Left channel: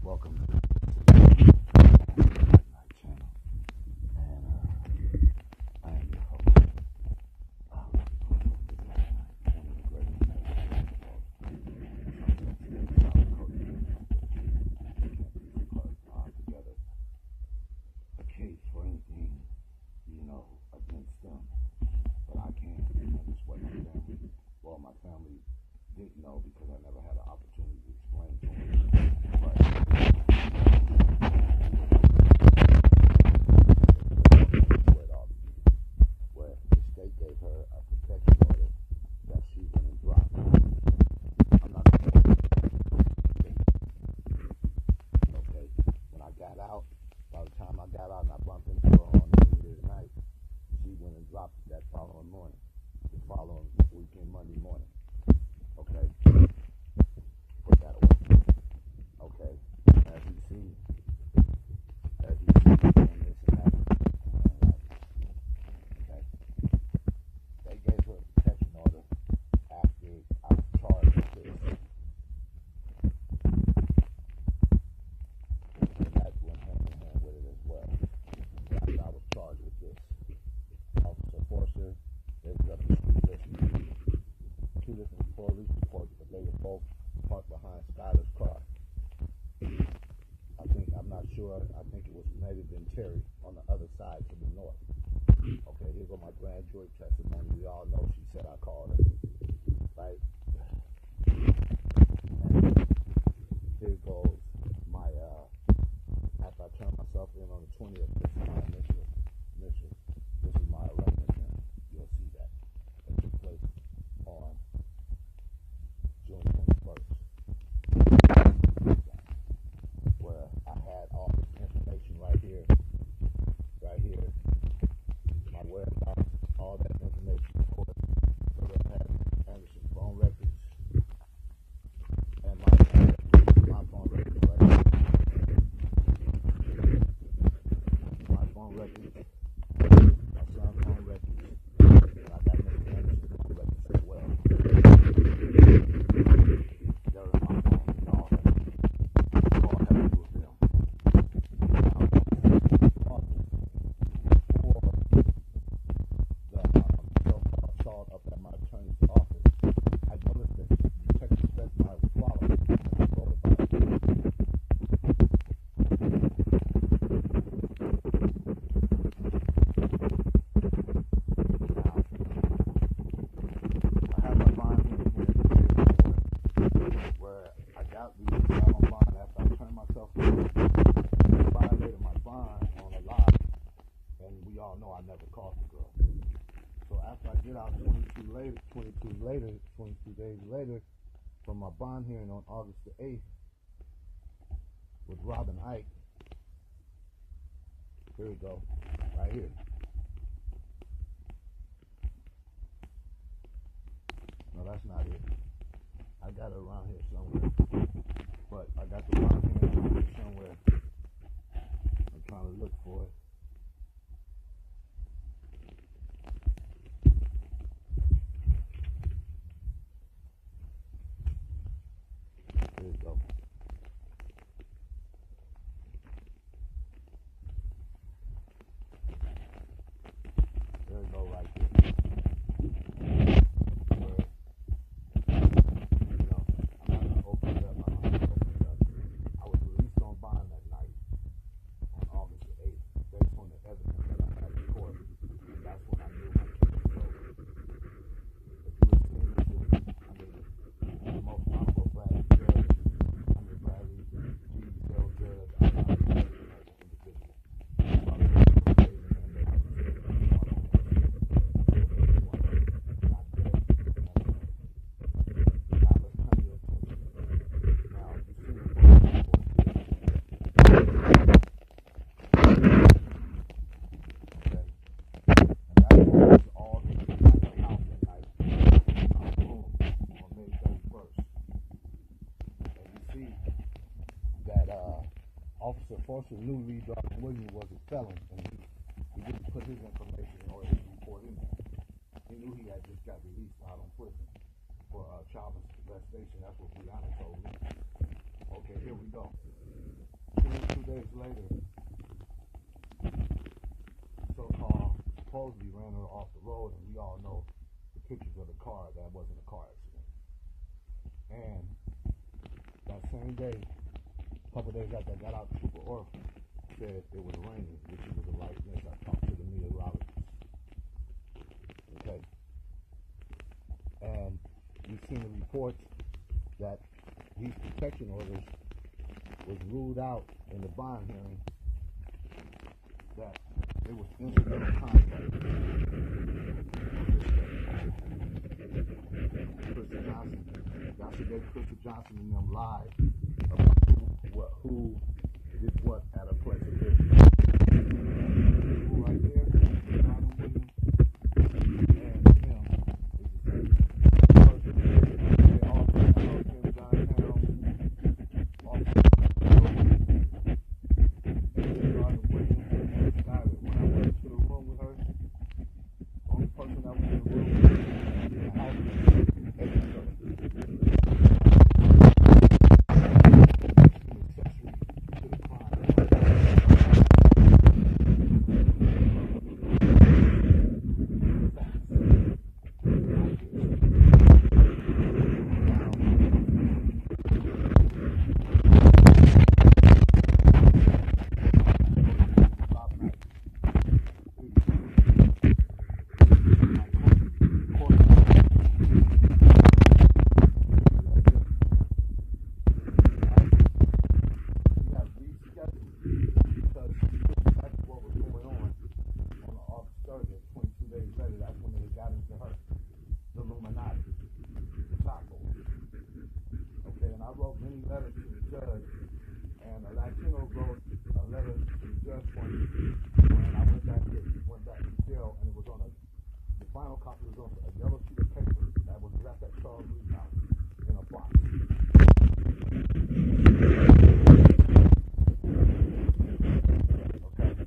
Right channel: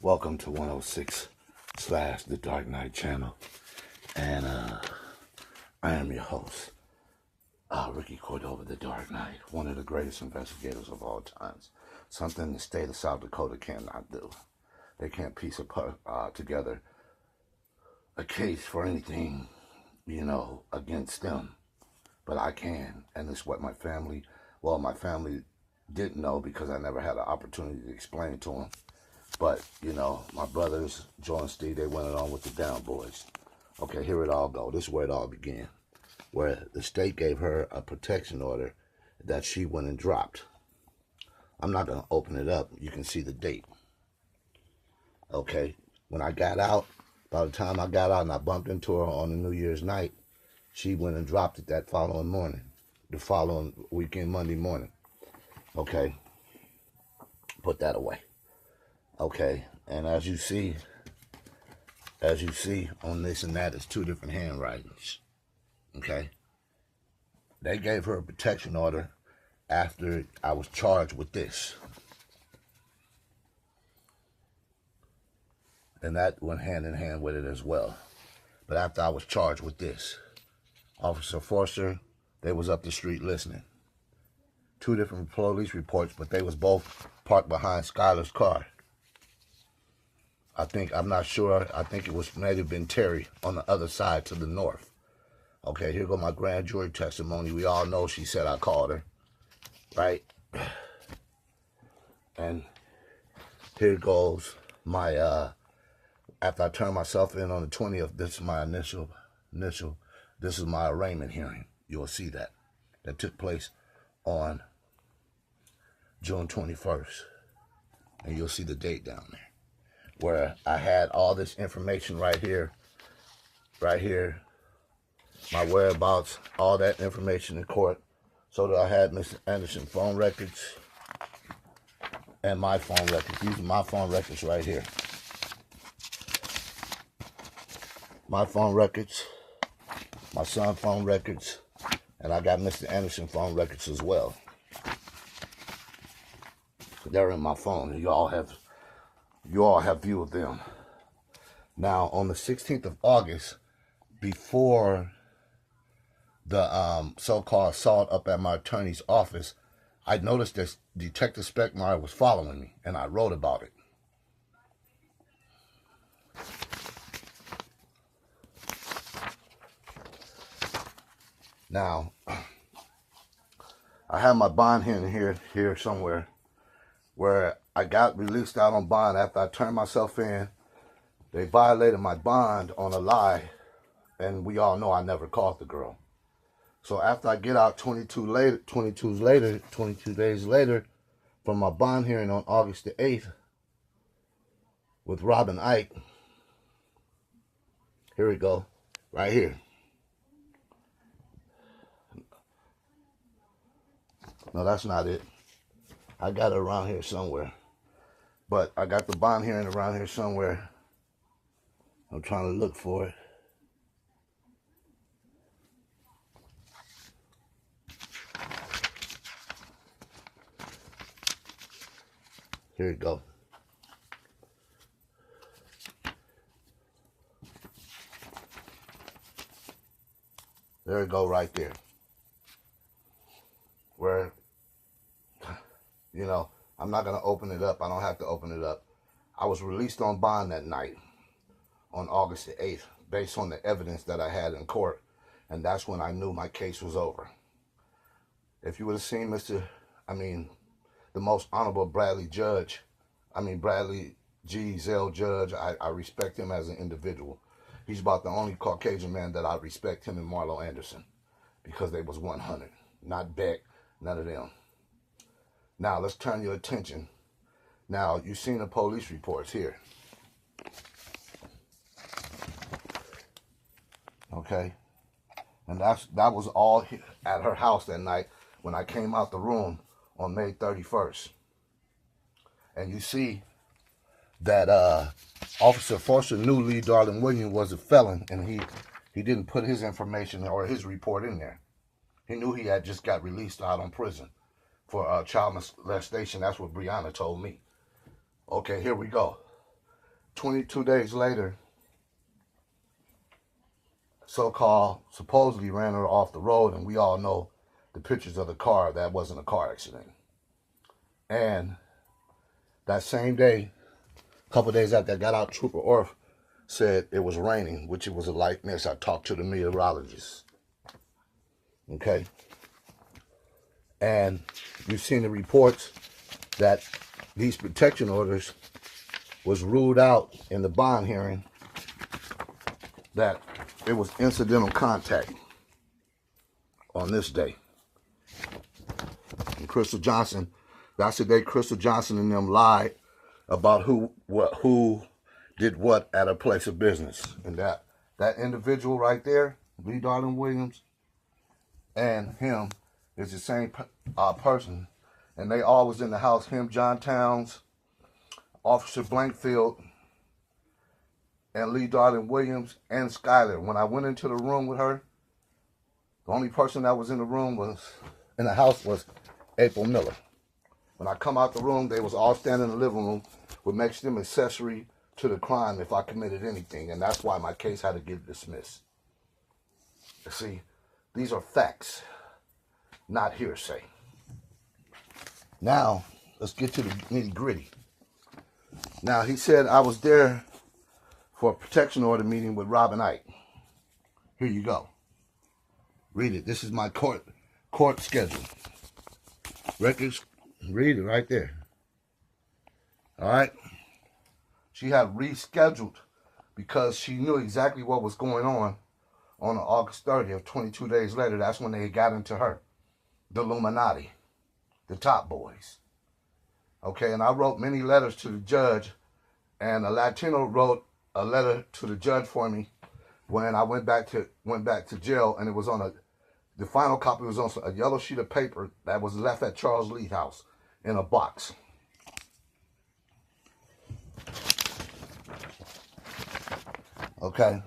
Welcome to 106 / The Dark Knight channel. And I am your host, Ricky Cordova, the Dark Knight, one of the greatest investigators of all times. Something the state of South Dakota cannot do. They can't piece together a case for anything, against them. But I can, and it's what my family didn't know because I never had an opportunity to explain it to them. But, my brothers, Joe and Steve, they went along with the Down Boys. Okay, here it all go. This is where it all began. Where the state gave her a protection order that she went and dropped. I'm not going to open it up. You can see the date. Okay, when I got out, by the time I got out and I bumped into her on the New Year's night, she went and dropped it that following morning, the following weekend, Monday morning. Okay, put that away. Okay, and as you see on this and that, it's two different handwritings. Okay, they gave her a protection order after I was charged with this, and that went hand in hand with it as well. But after I was charged with this, Officer Forster, they was up the street listening. Two different police reports, but they was both parked behind Skylar's car. I'm not sure. I think it was may have been Terry on the other side to the north. Okay, here go my grand jury testimony. We all know she said I called her, right? And here goes my after I turned myself in on the 20th. This is my initial. This is my arraignment hearing. You'll see that took place on June 21st. You'll see the date down there, where I had all this information right here, my whereabouts, all that information in court, so that I had Mr. Anderson's phone records and my phone records. These are my phone records right here. My phone records, my son's phone records, and I got Mr. Anderson's phone records as well. They're in my phone. You all have view of them. Now, on the 16th of August, before the so-called assault up at my attorney's office, I noticed that Detective Speckmeyer was following me, and I wrote about it. Now, I have my bond hearing here somewhere, where I got released out on bond after I turned myself in. They violated my bond on a lie, and we all know I never caught the girl. So after I get out 22 days later, from my bond hearing on August the 8th with Robin Ike, here we go, right here. No, that's not it. I got it around here somewhere. But I got the bond hearing around here somewhere. I'm trying to look for it. Here we go. There we go right there. Where, I'm not going to open it up. I don't have to open it up. I was released on bond that night on August the 8th based on the evidence that I had in court. And that's when I knew my case was over. If you would have seen the most honorable Bradley G. Zell Judge, I respect him as an individual. He's about the only Caucasian man that I respect, him and Marlo Anderson, because they was 100, not Beck, none of them. Now, let's turn your attention. Now, you've seen the police reports here. Okay? And that was all at her house that night when I came out the room on May 31st. And you see that Officer Forster knew Lee Darling Williams was a felon, and he didn't put his information or his report in there. He knew he had just got released out on prison for child molestation. That's what Brianna told me. Okay, here we go. 22 days later, so-called supposedly ran her off the road, and we all know the pictures of the car. That wasn't a car accident. And that same day, a couple days after I got out, Trooper Orff said it was raining, which it was a light mist. I talked to the meteorologist. Okay. And you've seen the reports that these protection orders was ruled out in the bond hearing, that it was incidental contact on this day. And Crystal Johnson, that's the day Crystal Johnson and them lied about who did what at a place of business. And that individual right there, Lee Darling Williams, and him is the same person. And they all was in the house, him, John Towns, Officer Blankfield, and Lee Darling Williams, and Skyler. When I went into the room with her, the only person that was in the house was April Miller. When I come out the room, they was all standing in the living room, which makes them accessory to the crime if I come in. That's why my case had to get dismissed. You see, these are facts, not hearsay. Now, let's get to the nitty-gritty. Now, he said I was there for a protection order meeting with Robin Ike. Here you go. Read it. This is my court schedule. Read it right there. All right? She had rescheduled because she knew exactly what was going on August 30th, 22 days later. That's when they got into her, the Illuminati, the top boys. Okay, and I wrote many letters to the judge, and a Latino wrote a letter to the judge for me when I went back to jail, and it was on the final copy was on a yellow sheet of paper that was left at Charles Lee's house in a box. Okay.